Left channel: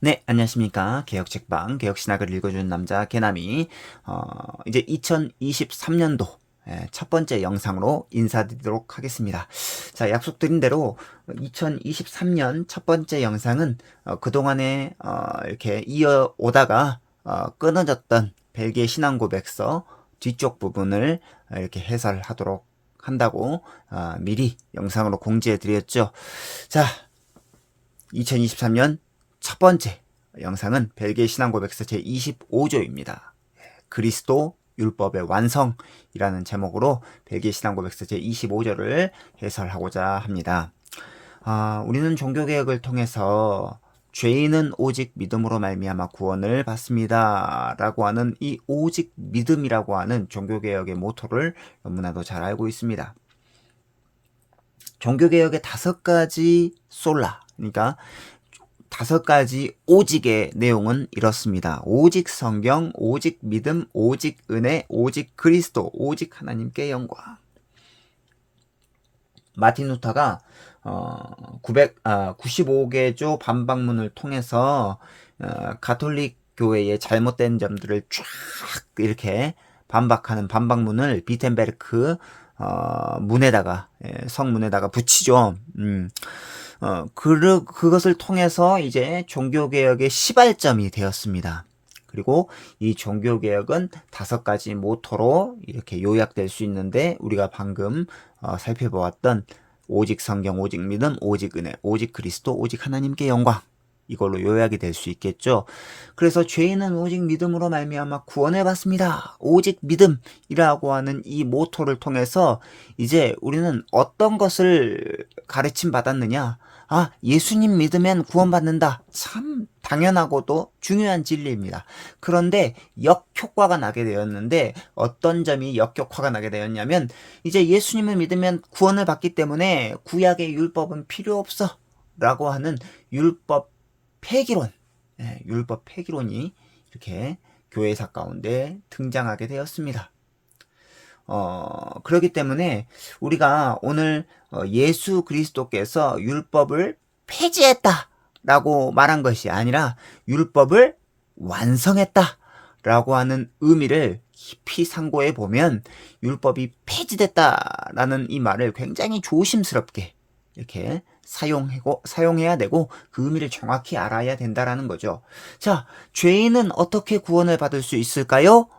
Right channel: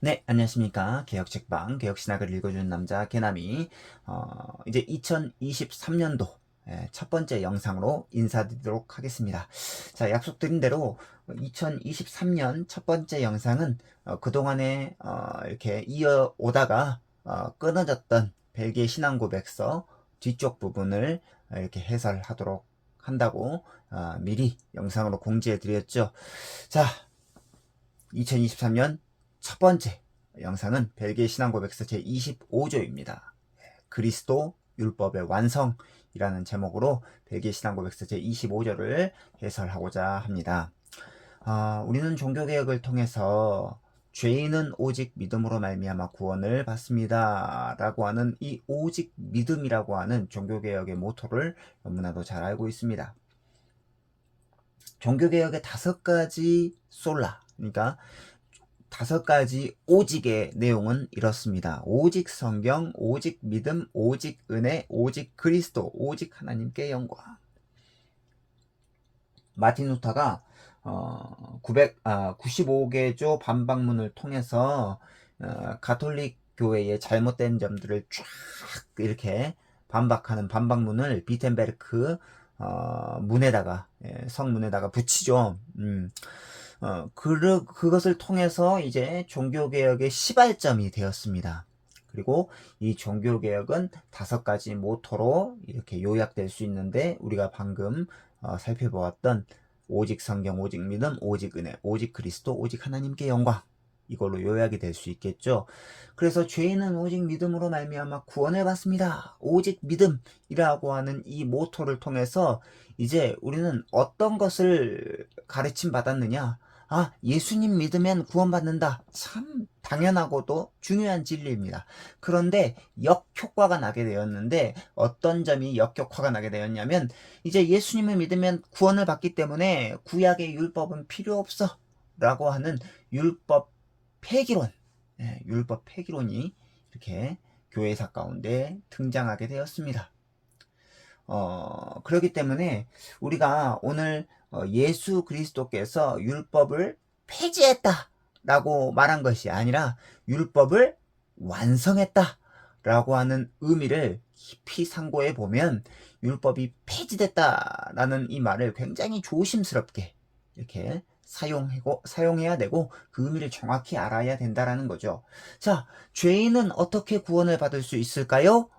네, 안녕하십니까. 개혁책방, 개혁신학을 읽어주는 남자, 개남이, 이제 2023년도 첫 번째 영상으로 인사드리도록 하겠습니다. 자, 약속드린 대로 2023년 첫 번째 영상은 그동안에 이렇게 이어오다가 끊어졌던 벨기에 신앙고백서 뒤쪽 부분을 이렇게 해설하도록 한다고 미리 영상으로 공지해드렸죠. 자, 2023년 첫 번째 영상은 벨기에 신앙고백서 제25조입니다. 그리스도 율법의 완성이라는 제목으로 벨기에 신앙고백서 제25조를 해설하고자 합니다. 우리는 종교개혁을 통해서 죄인은 오직 믿음으로 말미암아 구원을 받습니다 라고 하는 이 오직 믿음이라고 하는 종교개혁의 모토를 너무나도 잘 알고 있습니다. 종교개혁의 5가지 솔라, 그러니까 5가지 오직의 내용은 이렇습니다. 오직 성경, 오직 믿음, 오직 은혜, 오직 그리스도, 오직 하나님께 영광. 마틴 루터가 95개조 반박문을 통해서 가톨릭 교회의 잘못된 점들을 쫙 이렇게 반박하는 반박문을 비텐베르크 문에다가 성문에다가 붙이죠. 그것을 통해서 이제 종교개혁의 시발점이 되었습니다. 그리고 이 종교개혁은 5가지 모토로 이렇게 요약될 수 있는데, 우리가 방금 살펴보았던 오직 성경, 오직 믿음, 오직 은혜, 오직 그리스도, 오직 하나님께 영광, 이걸로 요약이 될 수 있겠죠. 그래서 죄인은 오직 믿음으로 말미암아 구원을 받습니다. 오직 믿음이라고 하는 이 모토를 통해서 이제 우리는 어떤 것을 가르침 받았느냐? 예수님 믿으면 구원받는다. 참 당연하고도 중요한 진리입니다. 그런데 역효과가 나게 되었는데, 어떤 점이 역효과가 나게 되었냐면, 이제 예수님을 믿으면 구원을 받기 때문에 구약의 율법은 필요 없어 라고 하는 율법 폐기론, 율법 폐기론이 이렇게 교회사 가운데 등장하게 되었습니다. 그렇기 때문에 우리가 오늘 예수 그리스도께서 율법을 폐지했다 라고 말한 것이 아니라 율법을 완성했다 라고 하는 의미를 깊이 상고해 보면, 율법이 폐지됐다 라는 이 말을 굉장히 조심스럽게 이렇게 사용해야 되고, 그 의미를 정확히 알아야 된다라는 거죠. 자, 죄인은 어떻게 구원을 받을 수 있을까요?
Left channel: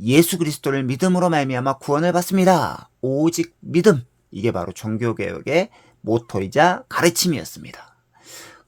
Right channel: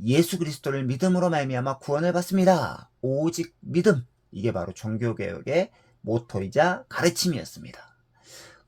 예수 그리스도를 믿음으로 말미암아 구원을 받습니다. 오직 믿음. 이게 바로 종교개혁의 모토이자 가르침이었습니다.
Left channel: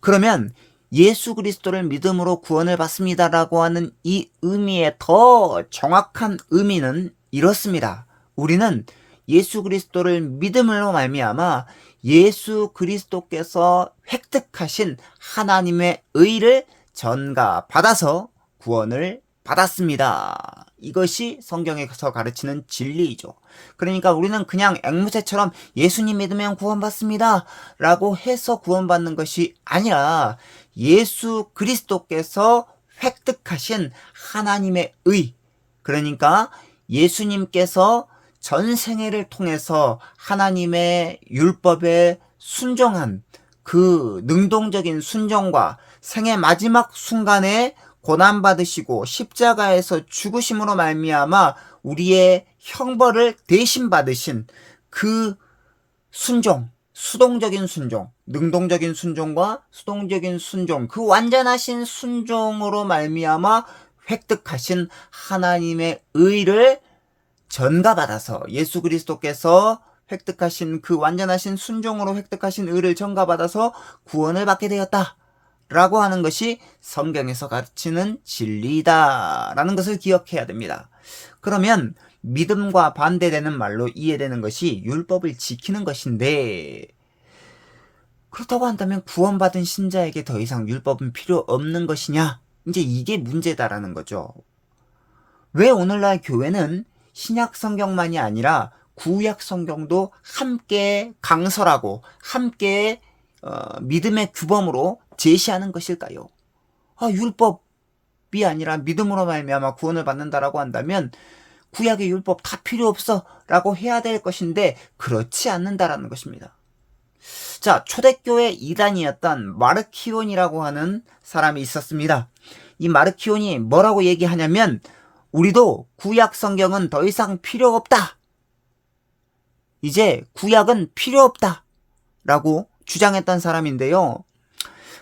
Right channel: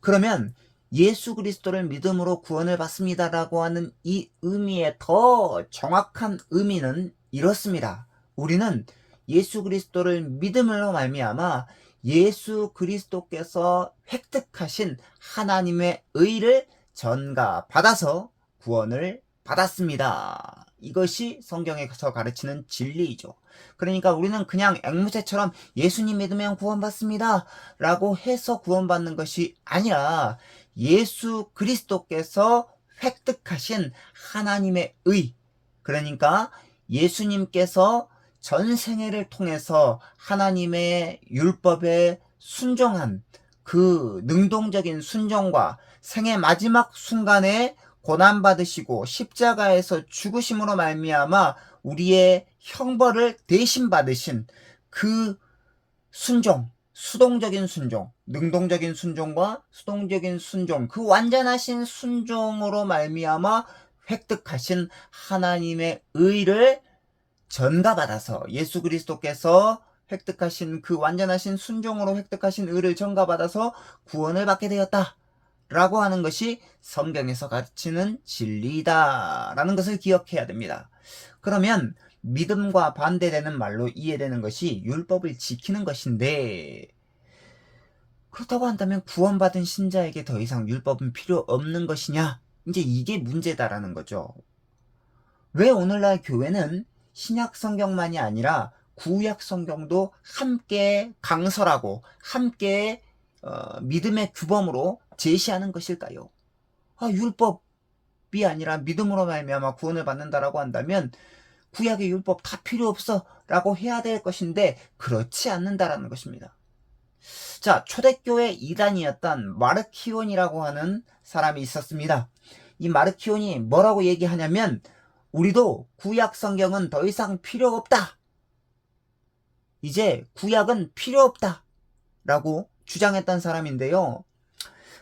그러면 예수 그리스도를 믿음으로 구원을 받습니다라고 하는 이 의미의 더 정확한 의미는 이렇습니다. 우리는 예수 그리스도를 믿음으로 말미암아 예수 그리스도께서 획득하신 하나님의 의를 전가받아서 구원을 받았습니다. 이것이 성경에서 가르치는 진리이죠. 그러니까 우리는 그냥 앵무새처럼 예수님 믿으면 구원받습니다 라고 해서 구원받는 것이 아니라, 예수 그리스도께서 획득하신 하나님의 의, 그러니까 예수님께서 전생애를 통해서 하나님의 율법에 순종한 그 능동적인 순종과 생애 마지막 순간에 고난받으시고 십자가에서 죽으심으로 말미암아 우리의 형벌을 대신 받으신 그 순종, 수동적인 순종, 능동적인 순종과 수동적인 순종, 그 완전하신 순종으로 말미암아 획득하신 하나님의 의를 전가받아서, 예수 그리스도께서 획득하신 그 완전하신 순종으로 획득하신 의를 전가받아서 구원을 받게 되었다 라고 하는 것이 성경에서 가르치는 진리다라는 것을 기억해야 됩니다. 그러면 믿음과 반대되는 말로 이해되는 것이 율법을 지키는 것인데, 그렇다고 한다면 구원받은 신자에게 더 이상 율법은 필요 없는 것이냐? 이제 이게 문제다라는 거죠. 왜 오늘날 교회는 신약 성경만이 아니라 구약 성경도 함께 강설하고 함께 믿음의 규범으로 제시하는 것일까요? 율법이 아니라 믿음으로 말미암아 구원을 받는다라고 한다면 구약의 율법 다 필요 없어 라고 해야 될 것인데, 그렇지 않는다라는 것입니다. 자, 초대교회 이단이었던 마르키온이라고 하는 사람이 있었습니다. 이 마르키온이 뭐라고 얘기하냐면 우리도 구약 성경은 더 이상 필요 없다. 이제 구약은 필요 없다. 라고 주장했던 사람인데요.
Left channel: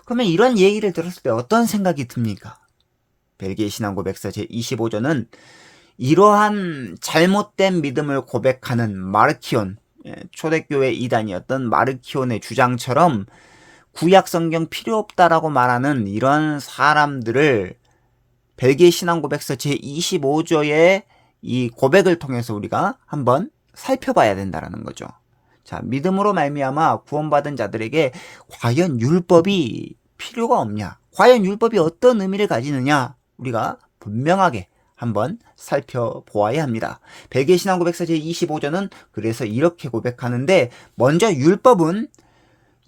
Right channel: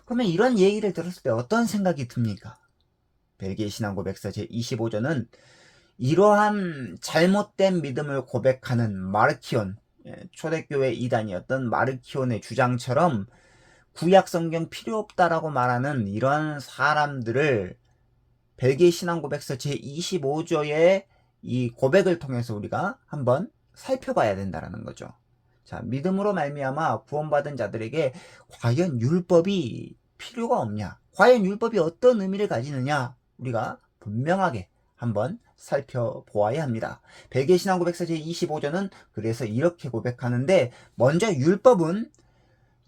그러면 이런 얘기를 들었을 때 어떤 생각이 듭니까? 벨기에 신앙고백서 제25조는 이러한 잘못된 믿음을 고백하는 마르키온, 초대교회 이단이었던 마르키온의 주장처럼 구약 성경 필요 없다라고 말하는 이런 사람들을 벨기에 신앙고백서 제25조의 이 고백을 통해서 우리가 한번 살펴봐야 된다는 거죠. 자, 믿음으로 말미암아 구원받은 자들에게 과연 율법이 필요가 없냐? 과연 율법이 어떤 의미를 가지느냐? 우리가 분명하게 한번 살펴보아야 합니다. 벨기에 신앙고백서 제25조는 그래서 이렇게 고백하는데, 먼저 율법은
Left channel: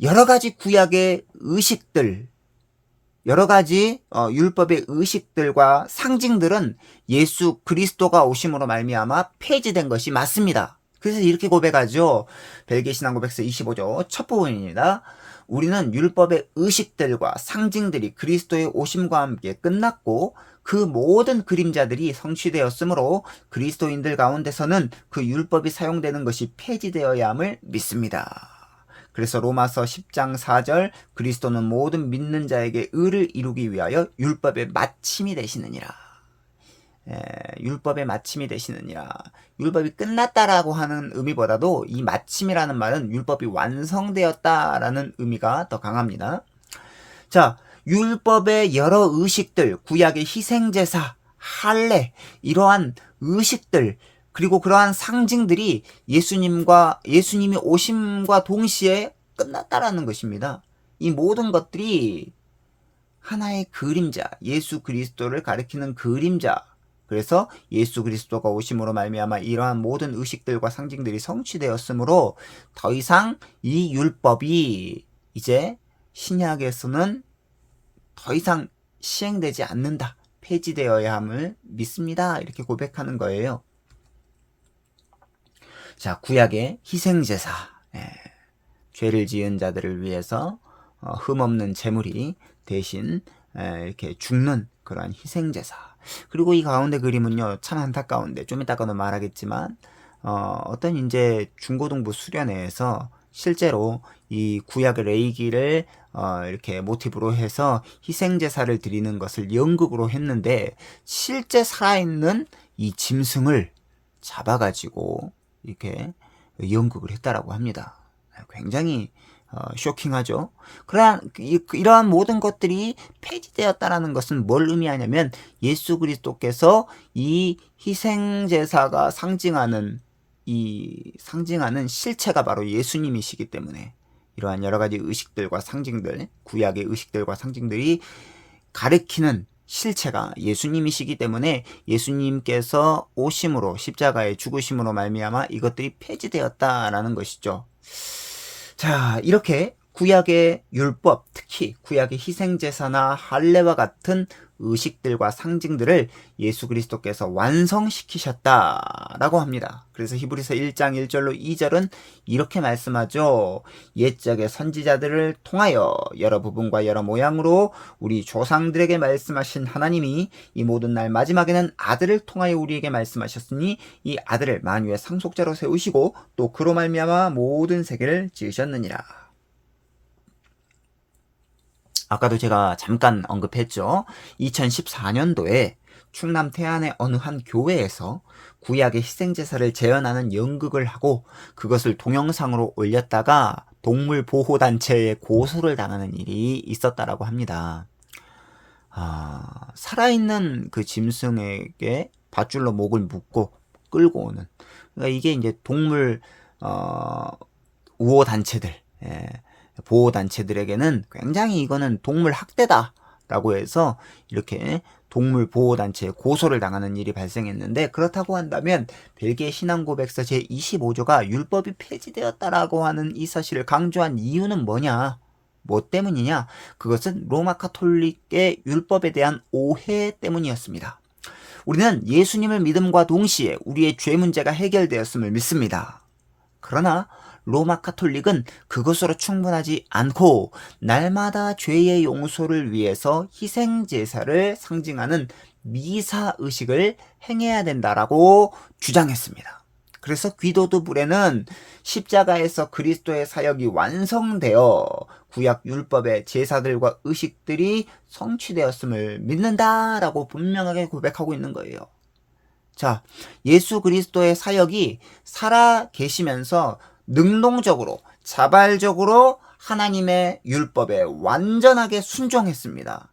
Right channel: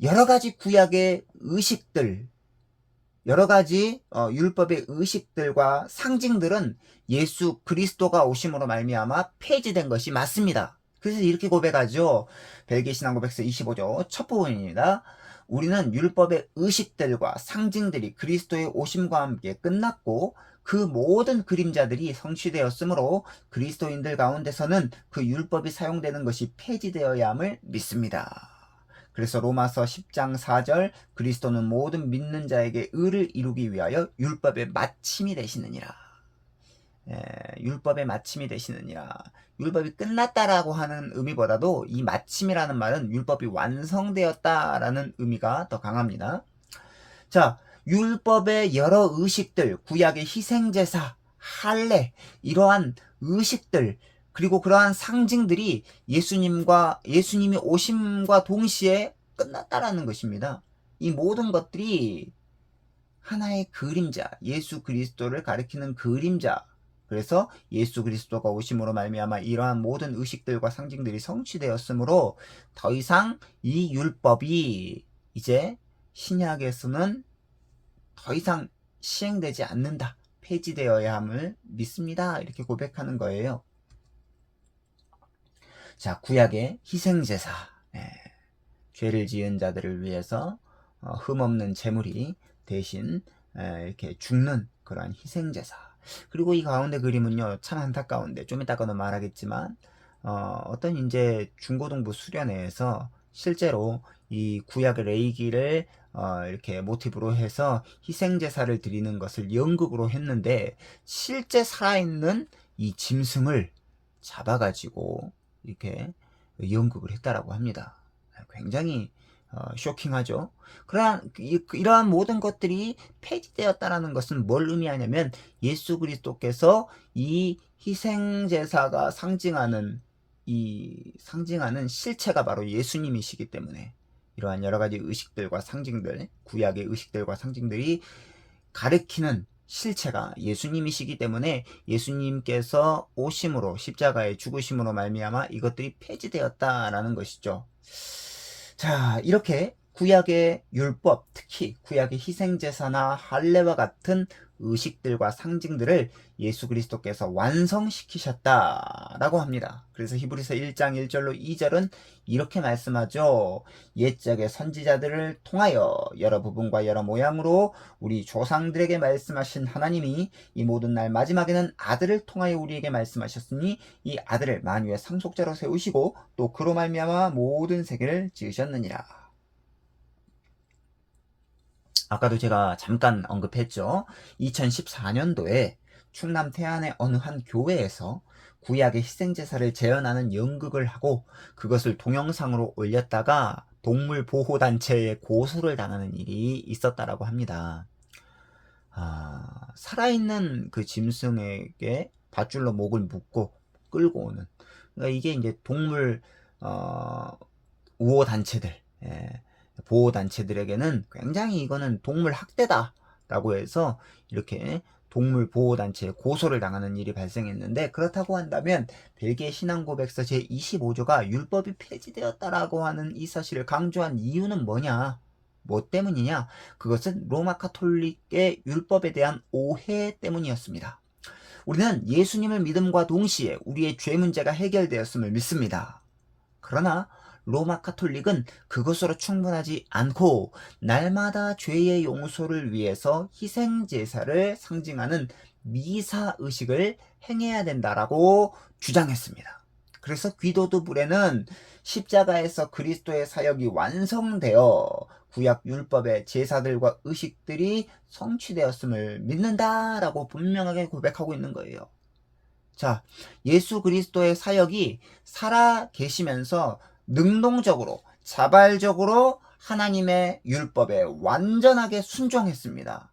여러 가지 구약의 의식들, 여러 가지 율법의 의식들과 상징들은 예수 그리스도가 오심으로 말미암아 폐지된 것이 맞습니다. 그래서 이렇게 고백하죠. 벨기에 신앙고백서 25조 첫 부분입니다. 우리는 율법의 의식들과 상징들이 그리스도의 오심과 함께 끝났고 그 모든 그림자들이 성취되었으므로 그리스도인들 가운데서는 그 율법이 사용되는 것이 폐지되어야 함을 믿습니다. 그래서 로마서 10장 4절 그리스도는 모든 믿는 자에게 의를 이루기 위하여 율법의 마침이 되시느니라. 율법의 마침이 되시느니라. 율법이 끝났다라고 하는 의미보다도 이 마침이라는 말은 율법이 완성되었다라는 의미가 더 강합니다. 자, 율법의 여러 의식들, 구약의 희생제사, 할례, 이러한 의식들, 그리고 그러한 상징들이 예수님이 오심과 동시에 끝났다라는 것입니다. 이 모든 것들이 하나의 그림자, 예수 그리스도를 가리키는 그림자. 그래서 예수 그리스도가 오심으로 말미암아 이러한 모든 의식들과 상징들이 성취되었으므로 더 이상 이 율법이 이제 신약에서는 더 이상 시행되지 않는다. 폐지되어야 함을 믿습니다. 이렇게 고백하는 거예요. 자, 구약의 희생제사, 죄를 지은 자들을 위해서 흠없는 제물이 대신 이렇게 죽는 그러한 희생제사. 그리고 이 가운데 그림은요, 참 안타까운데 좀 이따가도 말하겠지만 어떤 이제 중고등부 수련회에서 실제로 이 구약의 레위기를 이렇게 모티브로 해서 희생제사를 드리는 것을 연극으로 했는데 실제 살아있는 이 짐승을 잡아가지고 이렇게 연극을 했다라고 합니다. 굉장히 쇼킹하죠. 이러한 모든 것들이 폐지되었다라는 것은 뭘 의미하냐면 예수 그리스도께서 이 희생제사가 상징하는 실체가 바로 예수님이시기 때문에 이러한 여러 가지 의식들과 상징들, 구약의 의식들과 상징들이 가리키는 실체가 예수님이시기 때문에 예수님께서 오심으로 십자가의 죽으심으로 말미암아 이것들이 폐지되었다라는 것이죠. 자, 이렇게 구약의 율법, 특히 구약의 희생제사나 할례와 같은 의식들과 상징들을 예수 그리스도께서 완성시키셨다라고 합니다. 그래서 히브리서 1장 1절로 2절은 이렇게 말씀하죠. 옛적의 선지자들을 통하여 여러 부분과 여러 모양으로 우리 조상들에게 말씀하신 하나님이 이 모든 날 마지막에는 아들을 통하여 우리에게 말씀하셨으니 이 아들을 만유의 상속자로 세우시고 또 그로 말미암아 모든 세계를 지으셨느니라. 아까도 제가 잠깐 언급했죠. 2014년도에 충남 태안의 어느 한 교회에서 구약의 희생제사를 재현하는 연극을 하고 그것을 동영상으로 올렸다가 동물보호단체에 고소를 당하는 일이 있었다라고 합니다. 살아있는 그 짐승에게 밧줄로 목을 묶고 끌고 오는, 그러니까 이게 이제 동물 우호단체들, 보호단체들에게는 굉장히 이거는 동물 학대다라고 해서 이렇게 동물 보호단체에 고소를 당하는 일이 발생했는데, 그렇다고 한다면 벨기에 신앙고백서 제25조가 율법이 폐지되었다라고 하는 이 사실을 강조한 이유는 뭐냐? 뭐 때문이냐? 그것은 로마 카톨릭의 율법에 대한 오해 때문이었습니다. 우리는 예수님을 믿음과 동시에 우리의 죄 문제가 해결되었음을 믿습니다. 그러나 로마 카톨릭은 그것으로 충분하지 않고 날마다 죄의 용서를 위해서 희생 제사를 상징하는 미사 의식을 행해야 된다라고 주장했습니다. 그래서 귀도드 불에는 십자가에서 그리스도의 사역이 완성되어 구약 율법의 제사들과 의식들이 성취되었음을 믿는다라고 분명하게 고백하고 있는 거예요. 자, 예수 그리스도의 사역이 살아 계시면서 능동적으로, 자발적으로 하나님의 율법에 완전하게 순종했습니다.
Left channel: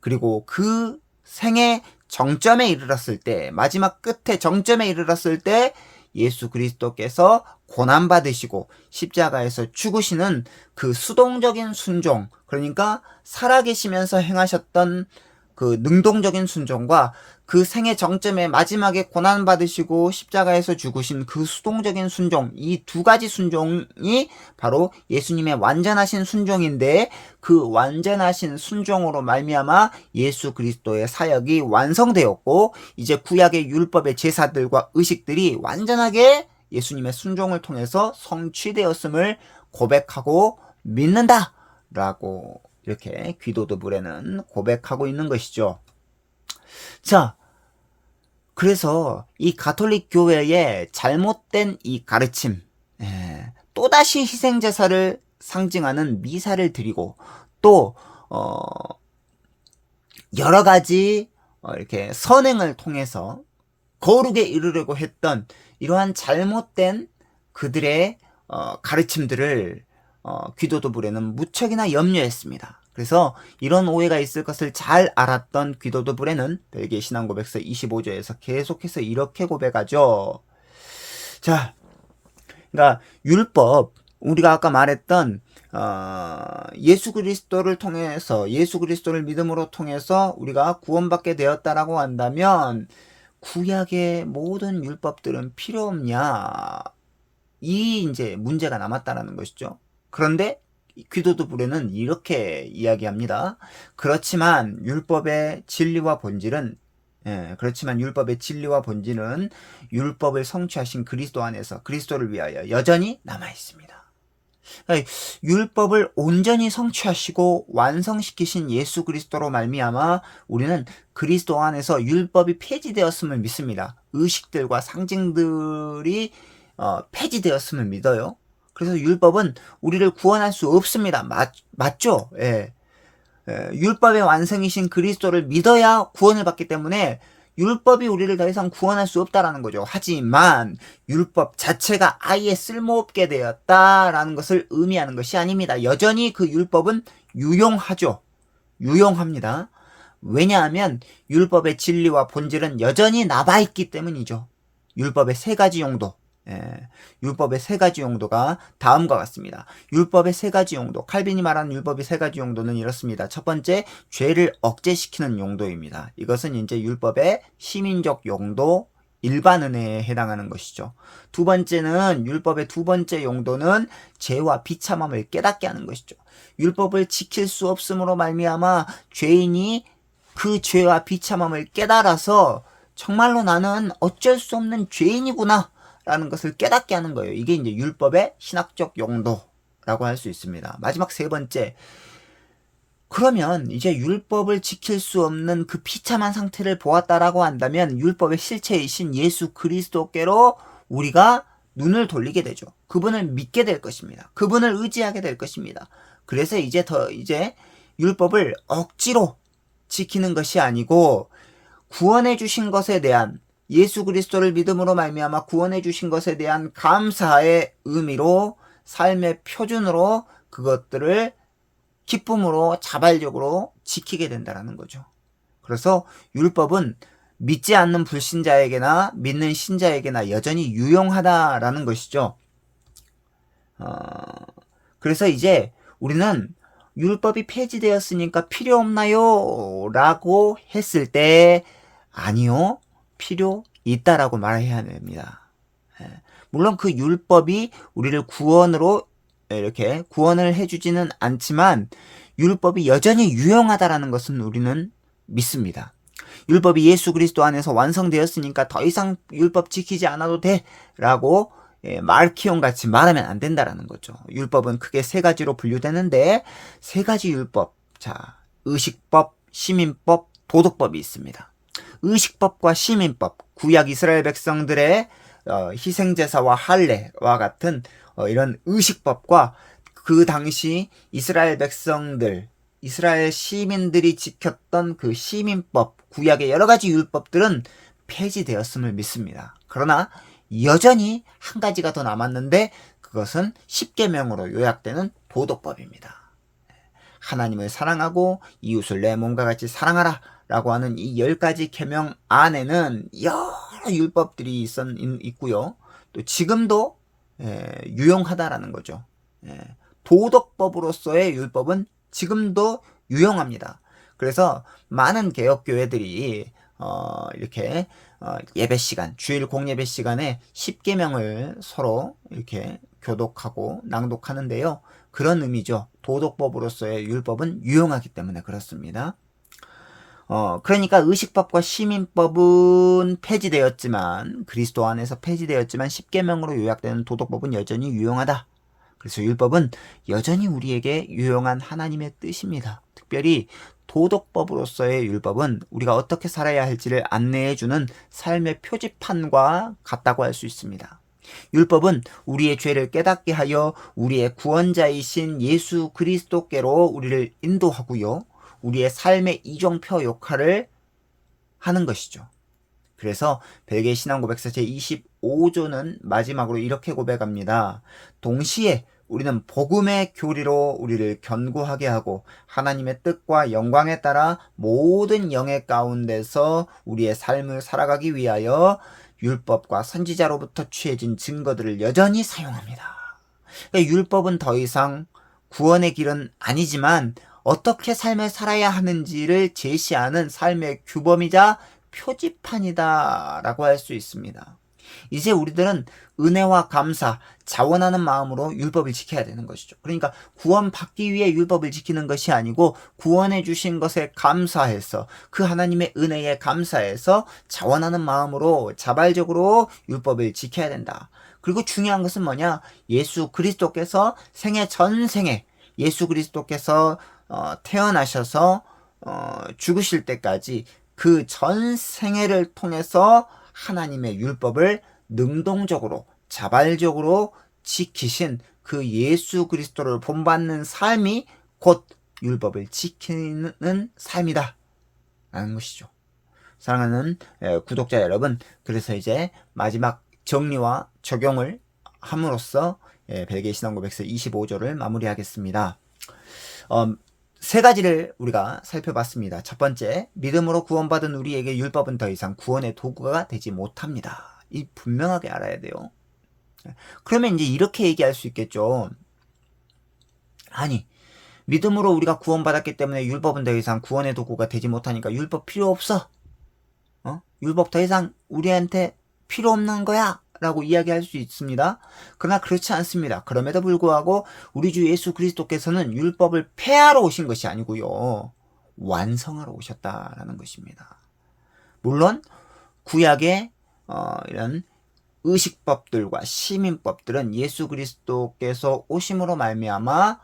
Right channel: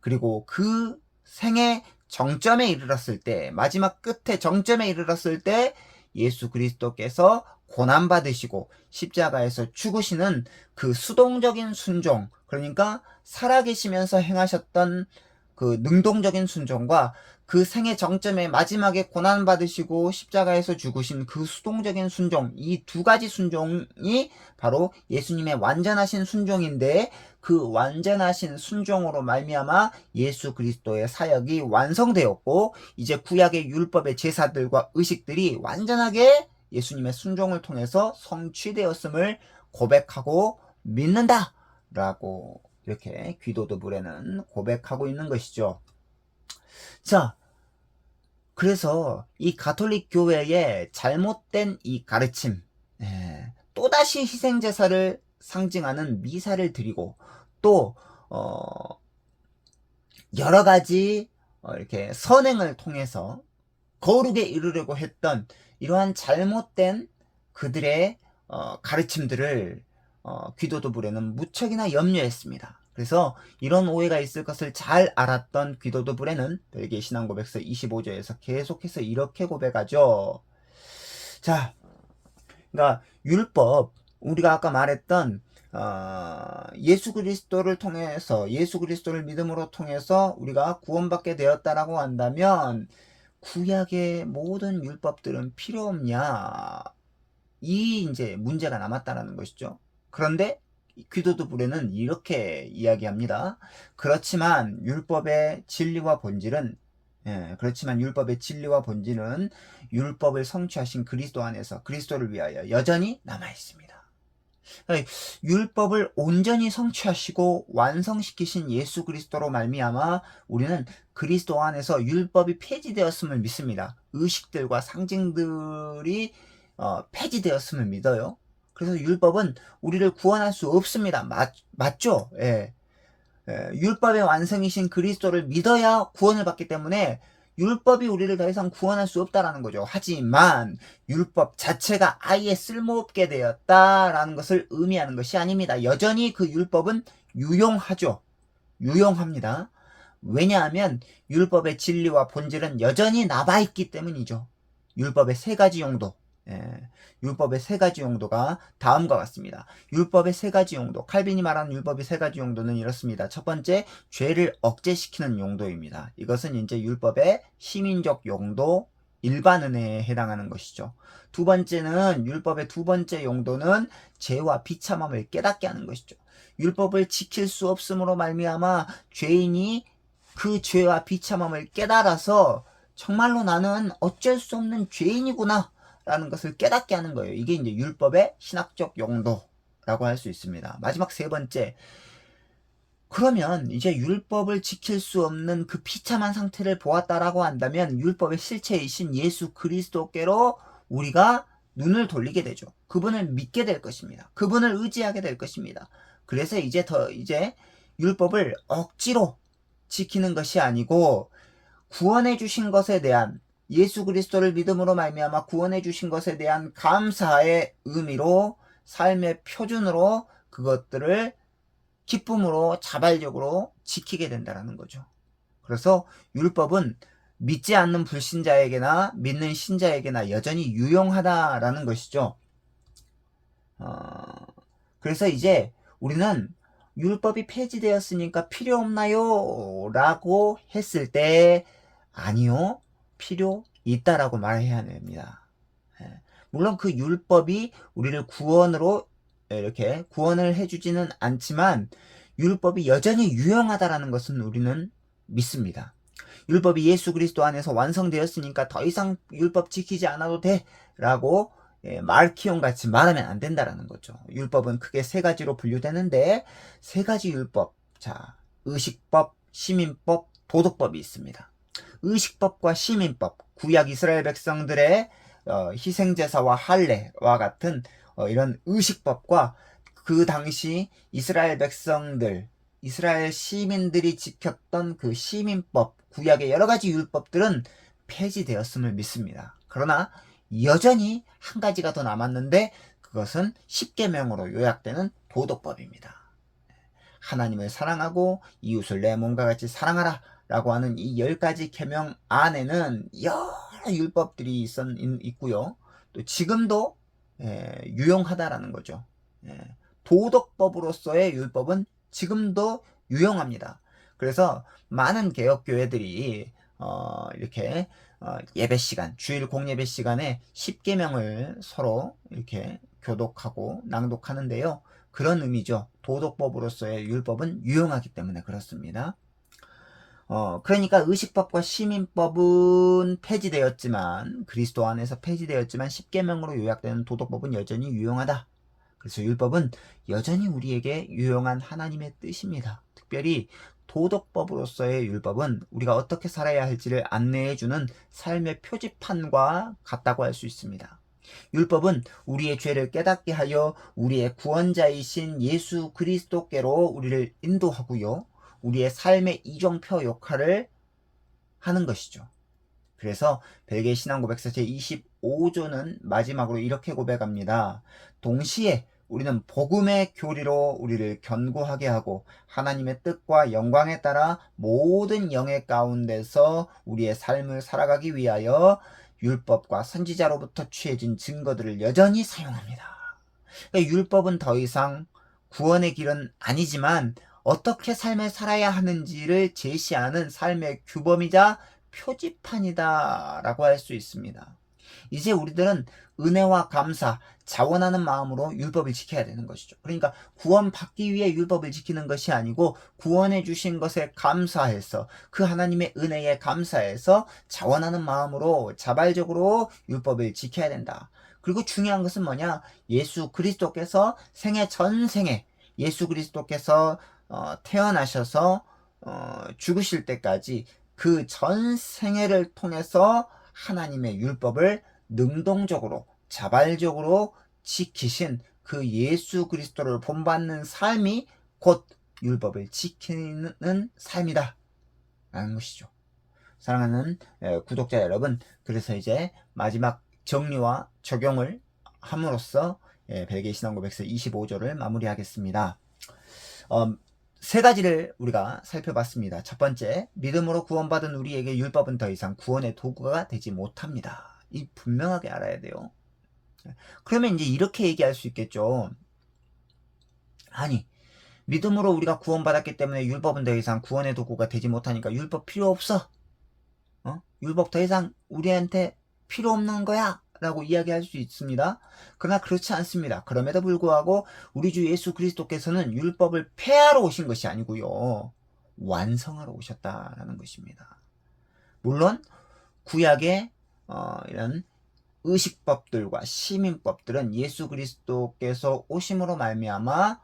그리고 그 생의 정점에 이르렀을 때, 마지막 끝에 정점에 이르렀을 때 예수 그리스도께서 고난받으시고 십자가에서 죽으시는 그 수동적인 순종, 그러니까 살아계시면서 행하셨던 그 능동적인 순종과 그 생의 정점에 마지막에 고난받으시고 십자가에서 죽으신 그 수동적인 순종, 이 두 가지 순종이 바로 예수님의 완전하신 순종인데, 그 완전하신 순종으로 말미암아 예수 그리스도의 사역이 완성되었고, 이제 구약의 율법의 제사들과 의식들이 완전하게 예수님의 순종을 통해서 성취되었음을 고백하고 믿는다 라고 이렇게 귀도드 불에는 고백하고 있는 것이죠. 자, 그래서 이 가톨릭 교회의 잘못된 이 가르침, 또다시 희생제사를 상징하는 미사를 드리고, 또 여러 가지 이렇게 선행을 통해서 거룩에 이르려고 했던 이러한 잘못된 그들의 가르침들을 귀도드 불에는 무척이나 염려했습니다. 그래서 이런 오해가 있을 것을 잘 알았던 귀도드 불에는 벨기에 신앙고백서 25조에서 계속해서 이렇게 고백하죠. 자, 그러니까 율법, 우리가 아까 말했던 예수 그리스도를 통해서, 예수 그리스도를 믿음으로 통해서 우리가 구원받게 되었다라고 한다면 구약의 모든 율법들은 필요 없냐, 이 이제 문제가 남았다라는 것이죠. 그런데 귀도드 불에는 이렇게 이야기합니다. 그렇지만 율법의 진리와 본질은 율법을 성취하신 그리스도 안에서 그리스도를 위하여 여전히 남아 있습니다. 그러니까 율법을 온전히 성취하시고 완성시키신 예수 그리스도로 말미암아 우리는 그리스도 안에서 율법이 폐지되었음을 믿습니다. 의식들과 상징들이 폐지되었음을 믿어요. 그래서 율법은 우리를 구원할 수 없습니다. 맞죠? 예. 율법의 완성이신 그리스도를 믿어야 구원을 받기 때문에 율법이 우리를 더 이상 구원할 수 없다라는 거죠. 하지만 율법 자체가 아예 쓸모없게 되었다라는 것을 의미하는 것이 아닙니다. 여전히 그 율법은 유용하죠. 유용합니다. 왜냐하면 율법의 진리와 본질은 여전히 남아있기 때문이죠. 율법의 세 가지 용도, 율법의 세 가지 용도가 다음과 같습니다. 율법의 세 가지 용도, 칼빈이 말하는 율법의 세 가지 용도는 이렇습니다. 첫 번째, 죄를 억제시키는 용도입니다. 이것은 이제 율법의 시민적 용도, 일반 은혜에 해당하는 것이죠. 두 번째는, 율법의 두 번째 용도는 죄와 비참함을 깨닫게 하는 것이죠. 율법을 지킬 수 없음으로 말미암아 죄인이 그 죄와 비참함을 깨달아서 정말로 나는 어쩔 수 없는 죄인이구나 라는 것을 깨닫게 하는 거예요. 이게 이제 율법의 신학적 용도라고 할 수 있습니다. 마지막 세 번째, 그러면 이제 율법을 지킬 수 없는 그 비참한 상태를 보았다라고 한다면 율법의 실체이신 예수 그리스도께로 우리가 눈을 돌리게 되죠. 그분을 믿게 될 것입니다. 그분을 의지하게 될 것입니다. 그래서 이제 율법을 억지로 지키는 것이 아니고 구원해 주신 것에 대한, 예수 그리스도를 믿음으로 말미암아 구원해 주신 것에 대한 감사의 의미로, 삶의 표준으로 그것들을 기쁨으로 자발적으로 지키게 된다는 거죠. 그래서 율법은 믿지 않는 불신자에게나 믿는 신자에게나 여전히 유용하다라는 것이죠. 그래서 이제 우리는 율법이 폐지되었으니까 필요 없나요? 라고 했을 때 아니요, 필요 있다라고 말해야 됩니다. 물론 그 율법이 우리를 구원으로 이렇게 구원을 해주지는 않지만 율법이 여전히 유용하다라는 것은 우리는 믿습니다. 율법이 예수 그리스도 안에서 완성되었으니까 더 이상 율법 지키지 않아도 돼 라고 말키온 같이 말하면 안 된다라는 거죠. 율법은 크게 세 가지로 분류되는데 세 가지 율법, 자, 의식법, 시민법, 도덕법이 있습니다. 의식법과 시민법, 구약 이스라엘 백성들의 희생제사와 할례와 같은 이런 의식법과 그 당시 이스라엘 백성들, 이스라엘 시민들이 지켰던 그 시민법, 구약의 여러 가지 율법들은 폐지되었음을 믿습니다. 그러나 여전히 한 가지가 더 남았는데 그것은 십계명으로 요약되는 도덕법입니다. 하나님을 사랑하고 이웃을 내 몸과 같이 사랑하라 라고 하는 이 10가지 계명 안에는 여러 율법들이 있고요. 또 지금도 유용하다라는 거죠. 도덕법으로서의 율법은 지금도 유용합니다. 그래서 많은 개혁교회들이 이렇게 예배 시간, 주일 공예배 시간에 십계명을 서로 이렇게 교독하고 낭독하는데요. 그런 의미죠. 도덕법으로서의 율법은 유용하기 때문에 그렇습니다. 그러니까 의식법과 시민법은 폐지되었지만, 그리스도 안에서 폐지되었지만 십계명으로 요약되는 도덕법은 여전히 유용하다. 그래서 율법은 여전히 우리에게 유용한 하나님의 뜻입니다. 특별히 도덕법으로서의 율법은 우리가 어떻게 살아야 할지를 안내해주는 삶의 표지판과 같다고 할 수 있습니다. 율법은 우리의 죄를 깨닫게 하여 우리의 구원자이신 예수 그리스도께로 우리를 인도하고요. 우리의 삶의 이정표 역할을 하는 것이죠. 그래서 벨기에 신앙고백서 제25조는 마지막으로 이렇게 고백합니다. 동시에 우리는 복음의 교리로 우리를 견고하게 하고 하나님의 뜻과 영광에 따라 모든 영의 가운데서 우리의 삶을 살아가기 위하여 율법과 선지자로부터 취해진 증거들을 여전히 사용합니다. 그러니까 율법은 더 이상 구원의 길은 아니지만 어떻게 삶을 살아야 하는지를 제시하는 삶의 규범이자 표지판이다 라고 할 수 있습니다. 이제 우리들은 은혜와 감사, 자원하는 마음으로 율법을 지켜야 되는 것이죠. 그러니까 구원받기 위해 율법을 지키는 것이 아니고 구원해 주신 것에 감사해서 그 하나님의 은혜에 감사해서 자원하는 마음으로 자발적으로 율법을 지켜야 된다. 그리고 중요한 것은 뭐냐? 예수 그리스도께서 생애 전생에 예수 그리스도께서 태어나셔서 죽으실 때까지 그 전 생애를 통해서 하나님의 율법을 능동적으로 자발적으로 지키신 그 예수 그리스도를 본받는 삶이 곧 율법을 지키는 삶이다 라는 것이죠. 사랑하는 구독자 여러분, 그래서 이제 마지막 정리와 적용을 함으로써 벨기에 신앙고백서 25조를 마무리하겠습니다. 세 가지를 우리가 살펴봤습니다. 첫 번째, 믿음으로 구원받은 우리에게 율법은 더 이상 구원의 도구가 되지 못합니다. 이 분명하게 알아야 돼요. 그러면 이제 이렇게 얘기할 수 있겠죠. 아니, 믿음으로 우리가 구원받았기 때문에 율법은 더 이상 구원의 도구가 되지 못하니까 율법 필요 없어. 율법 더 이상 우리한테 필요 없는 거야 라고 이야기할 수 있습니다. 그러나 그렇지 않습니다. 그럼에도 불구하고 우리 주 예수 그리스도께서는 율법을 폐하러 오신 것이 아니고요, 완성하러 오셨다라는 것입니다. 물론 구약의 이런 의식법들과 시민법들은 예수 그리스도께서 오심으로 말미암아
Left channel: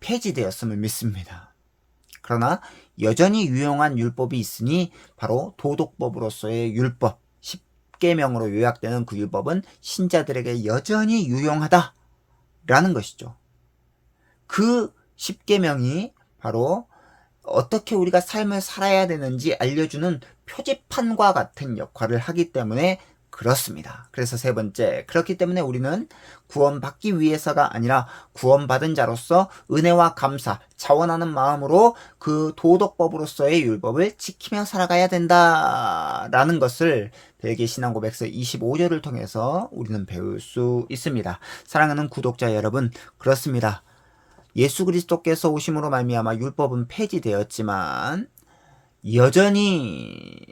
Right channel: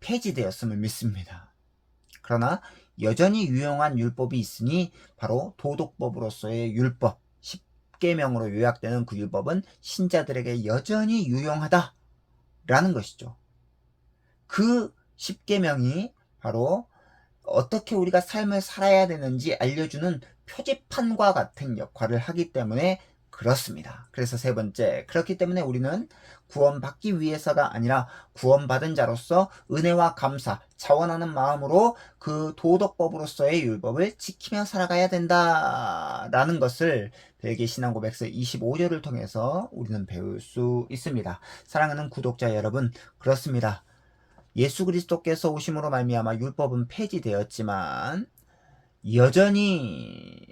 폐지되었음을 믿습니다. 그러나 여전히 유용한 율법이 있으니 바로 도덕법으로서의 율법, 십계명으로 요약되는 그 율법은 신자들에게 여전히 유용하다라는 것이죠. 그 십계명이 바로 어떻게 우리가 삶을 살아야 되는지 알려주는 표지판과 같은 역할을 하기 때문에 그렇습니다. 그래서 세 번째, 그렇기 때문에 우리는 구원받기 위해서가 아니라 구원받은 자로서 은혜와 감사, 자원하는 마음으로 그 도덕법으로서의 율법을 지키며 살아가야 된다라는 것을 벨기에 신앙고백서 25조를 통해서 우리는 배울 수 있습니다. 사랑하는 구독자 여러분, 그렇습니다. 예수 그리스도께서 오심으로 말미암아 율법은 폐지되었지만 여전히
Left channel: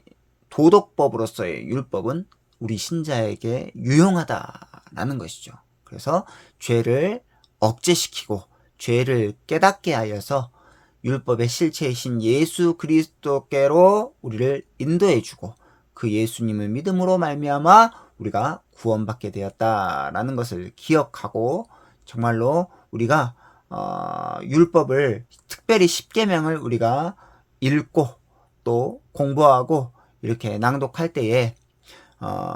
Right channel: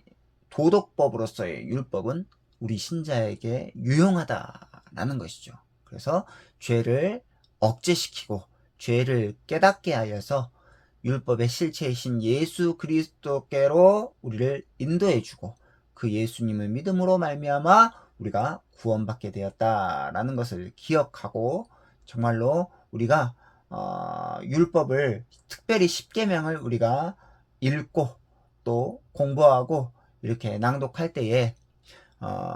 도덕법으로서의 율법은 우리 신자에게 유용하다라는 것이죠. 그래서 죄를 억제시키고 죄를 깨닫게 하여서 율법의 실체이신 예수 그리스도께로 우리를 인도해주고 그 예수님을 믿음으로 말미암아 우리가 구원받게 되었다라는 것을 기억하고 정말로 우리가 율법을 특별히 십계명을 우리가 읽고 또 공부하고 이렇게 낭독할 때에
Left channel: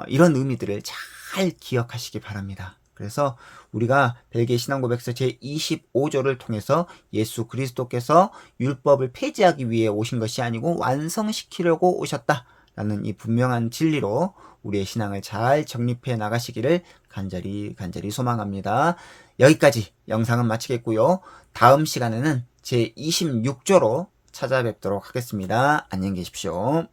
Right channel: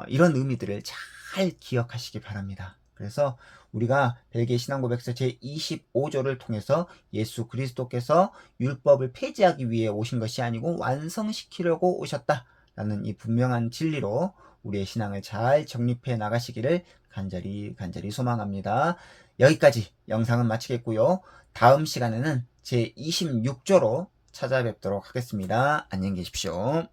이런 의미들을 잘 기억하시기 바랍니다. 그래서 우리가 벨기에 신앙고백서 제25조를 통해서 예수 그리스도께서 율법을 폐지하기 위해 오신 것이 아니고 완성시키려고 오셨다라는 이 분명한 진리로 우리의 신앙을 잘 정립해 나가시기를 간절히 소망합니다. 여기까지 영상은 마치겠고요. 다음 시간에는 제26조로 찾아뵙도록 하겠습니다. 안녕히 계십시오.